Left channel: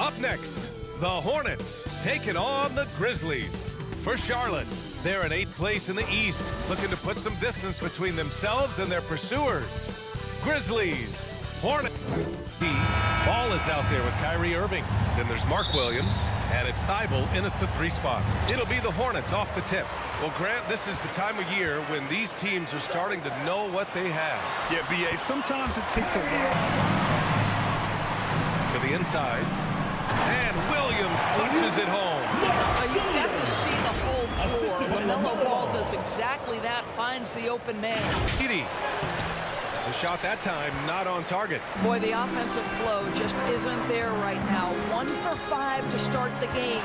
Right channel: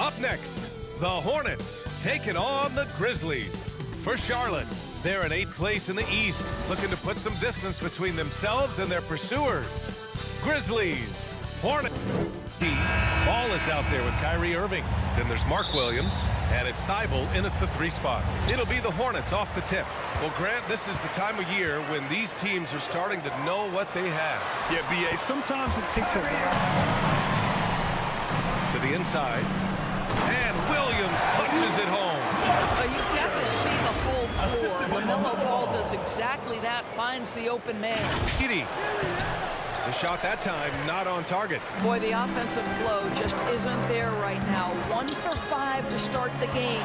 Up next, the Hornets taking on the Grizzlies. For Charlotte, they're in 8th place in the East, looking to put some distance between themselves and their pursuers. Grizzlies, Hornets. Ball is out there with Kyrie Irving. Then there's Mark Williams, and it's Thibault in at the 3 spot. It'll be the Hornets off the tip. Well, Grant, this is the time of year when these teams are starting to know what they have. Yeah, B.A., sometimes it takes a while. To the inside, and Williams punches it home. You've got to see the whole floor. LaMelo Ball does exactly that, finds the open man. Edie. The shot that time not on target. Boy, the offensive flow just isn't there right now. 1 for 5 to start the game.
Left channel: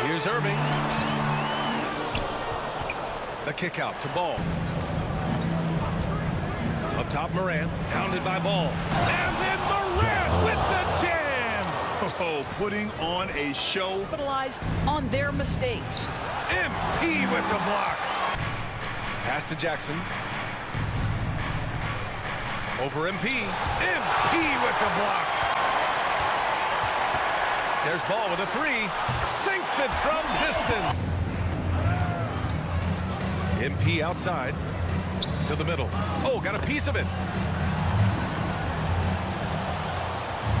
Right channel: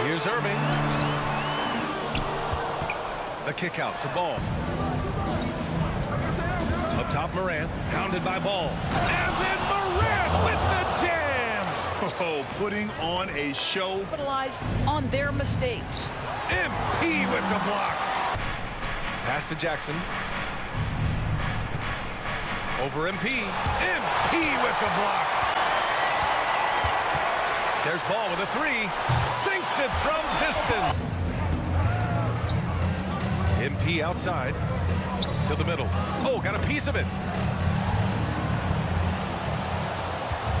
Here's Irving. The kick out to Ball. Up top, Morant, hounded by Ball. And then Morant with the jam. Oh, putting on a show. Capitalize on their mistakes. MP with the block. Pass to Jackson. Over MP. MP with the block. There's Ball with a 3. Sinks it from distance. MP outside. To the middle. Oh, got a piece of it.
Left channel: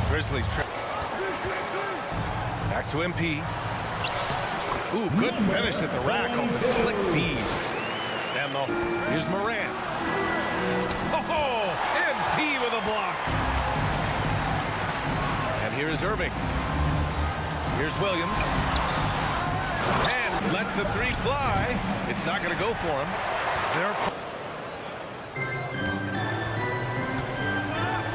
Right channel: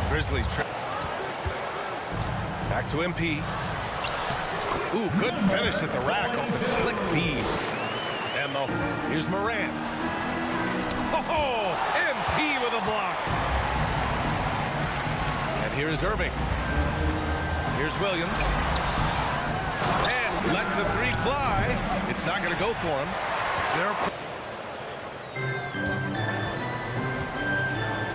Grizzlies trip. Back to MP. Ooh, good finish at the rack on the slick feed. And here's Morant. Oh, MP with a block. And here is Irving. Here's Williams. And lets the 3 fly. It's not going to go for him. They're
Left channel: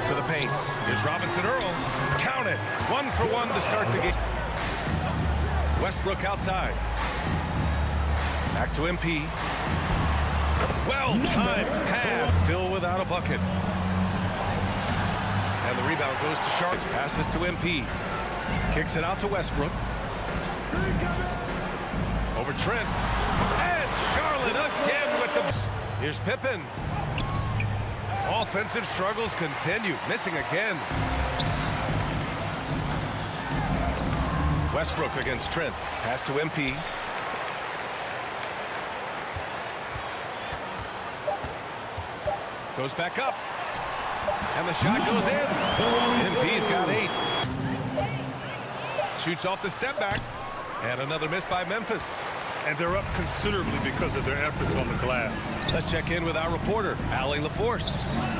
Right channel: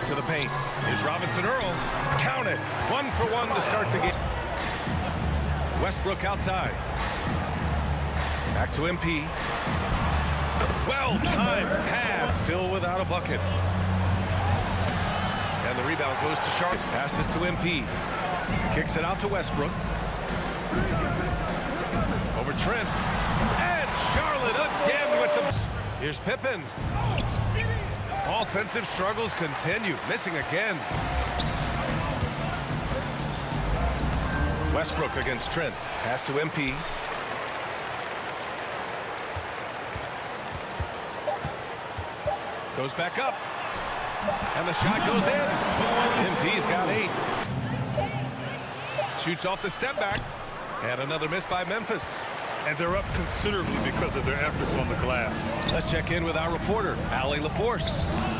to the paint. Here's Robinson Earl. Count it. 1 for 1 to start the game. Westbrook outside. Back to MP. Well-timed pass. Still without a bucket. And the rebound goes to Charlotte. Passes to MP. Kicks it out to Westbrook. Over Trent. And Charlotte again with the... Here's Pippen. Offensive struggles continue. Missing again. Westbrook against Trent. Pass to MP. Goes back up. And the shot goes in. MP's got 8. Shoots off the step back. And another miss by Memphis. And they're up considerably because of their efforts on the glass. Let's check in with our reporter, Allie LaForce.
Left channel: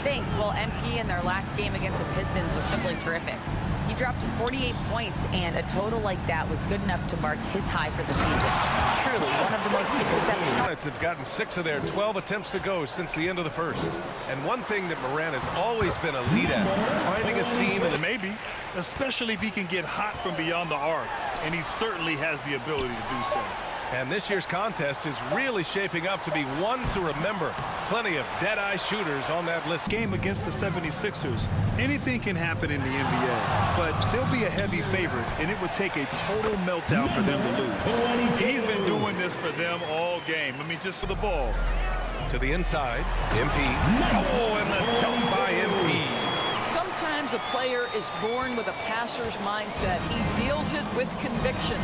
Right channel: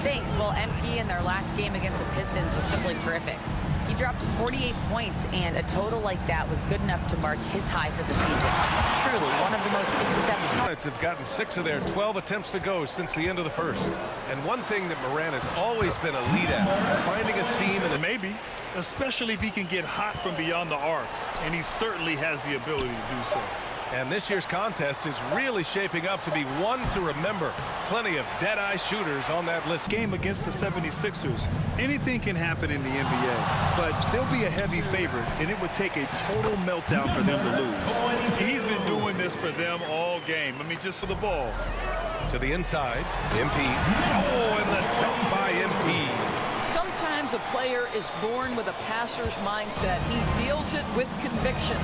Thanks. Well, MP in their last game against the Pistons was simply terrific. He dropped 48 points, and a total like that was good enough to mark his high for the season. Truly, one of the most exceptional. Hornets have gotten 6 of their 12 attempts to go since the end of the first. And one thing that Morant has always been a lead at, finding a seam and maybe, especially if he can get hot from beyond the arc, and he certainly has the ability to do so. And this year's contest is really shaping up to be one to remember. Plenty of dead-eye shooters on that list. Game against the 76ers. Anything can happen in the NBA, but they'll be a heavy favorite, and it would take a total meltdown for them to lose. He's been doing this for them all game. I mean, just for the ball. To the inside, MP. Oh, and the dunk by MP. Sometimes a player is born with a passer's mindset. He deals it with conviction.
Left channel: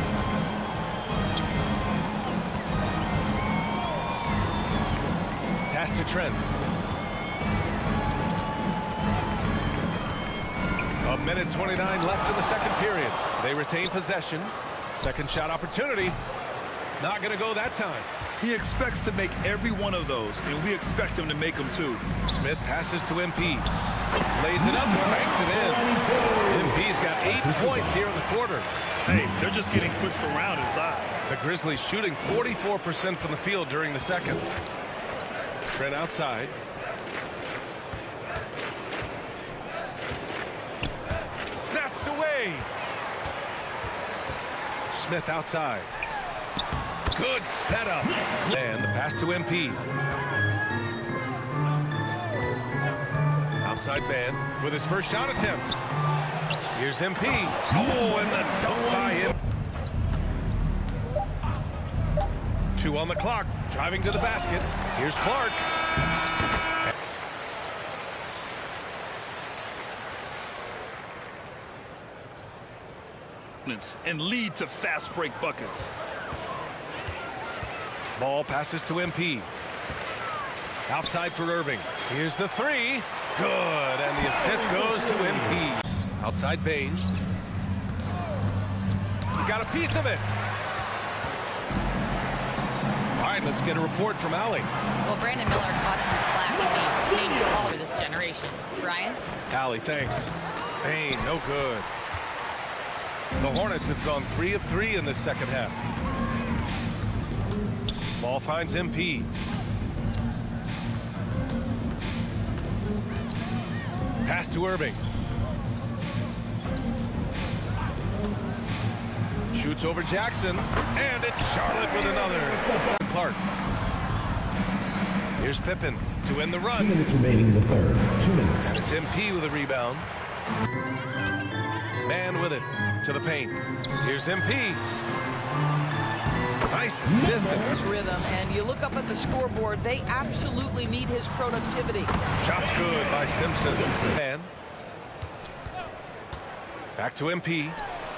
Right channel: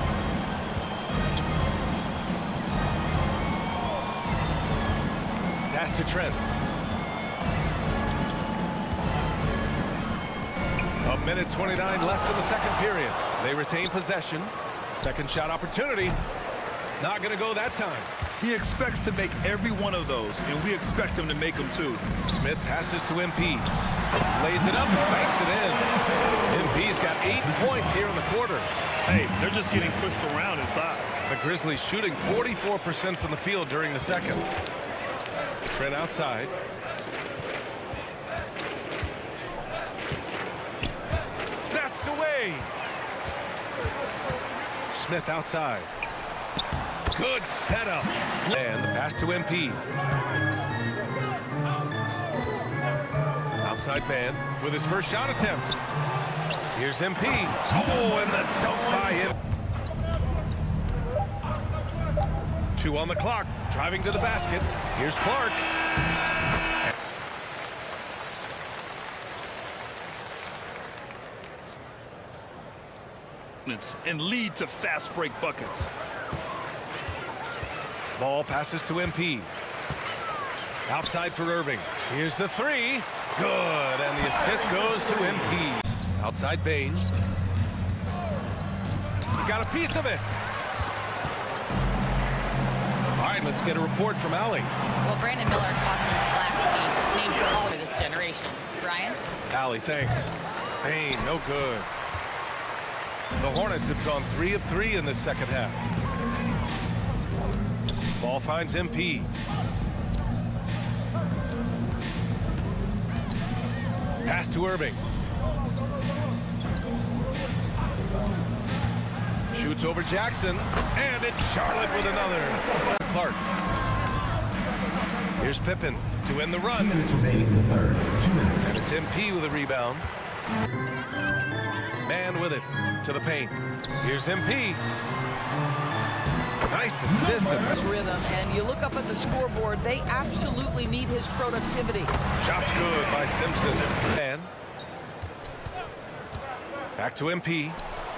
Pass to Trent. A minute 29 left in the second period. They retain possession. Second shot opportunity. Not going to go that time. He expects to make every one of those, and we expect him to make them too. Smith passes to MP. Lays it up and banks it in. MP's got 8 points here in the quarter. Hey, they're just getting pushed around inside. The Grizzlies shooting 44% from the field during the second. Trent outside. Snatched away. Smith outside. Good setup. And the pass to MP. Outside man with his first shot attempt. Here's MP. Oh, and the dunk by him. 2 on the clock. Driving to the basket. Here's Clark. quickness and lead to fast break buckets. Ball passes to MP. Outside for Irving. Here's the three. Good, and the assist goes to MP. Outside Bain. He got a piece of it. All right, let's get a report from Allie. Well, Brandon Miller caught some slack when he named to call for this generation. Brian? Allie, thanks. Bain, no good. The Hornets have gone 3 of 3 in the second half. Ball finds MP. Pass to Irving. Shoots over Jackson, and it's Charlotte with another. Clark. Here's Pippen to end the run. 2 minutes remaining in the third. 2 minutes. And it's MP with a rebound. Man with it to the paint. Here's MP. Nice assist. His rhythm, and you look up at the scoreboard, they absolutely need his productivity. Shot's good by Simpson. And back to MP.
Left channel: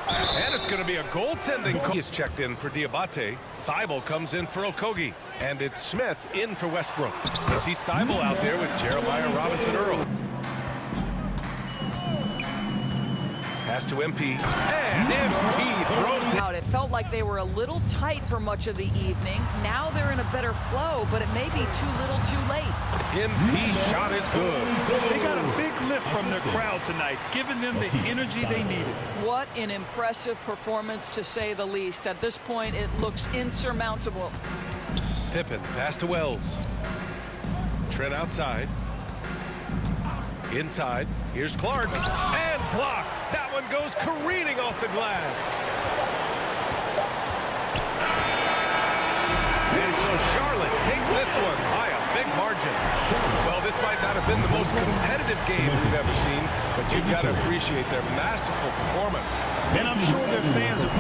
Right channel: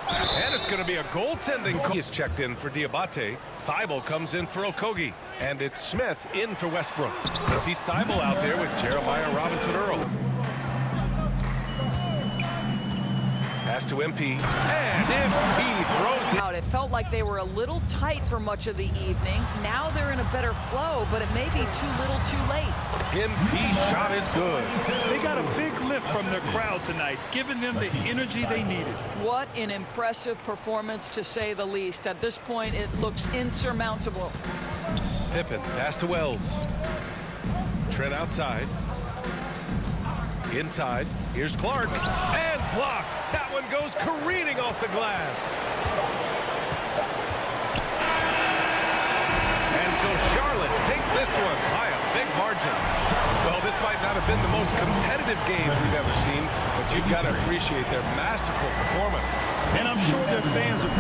And it's going to be a goaltending call. He is checked in for Diabate. Thibault comes in for Okogie. And it's Smith in for Westbrook. Let's see Thibault out there with Jeremiah Robinson-Earl. Pass to MP. And MP throws it out. It felt like they were a little tight for much of the evening. Now they're in a better flow, but it may be too little too late. MP shot is good. They got a big lift from their crowd tonight, giving them the energy they needed. What an impressive performance, to say the least. At this point, it looks insurmountable. Pippen, pass to Wells. Trent outside. Inside. Here's Clark. And blocked. That one goes careening off the glass. And so Charlotte takes this one by a big margin. Well, this might not have been the most competitive game we've ever seen, but you've got to appreciate their masterful performance. And I'm sure their fans are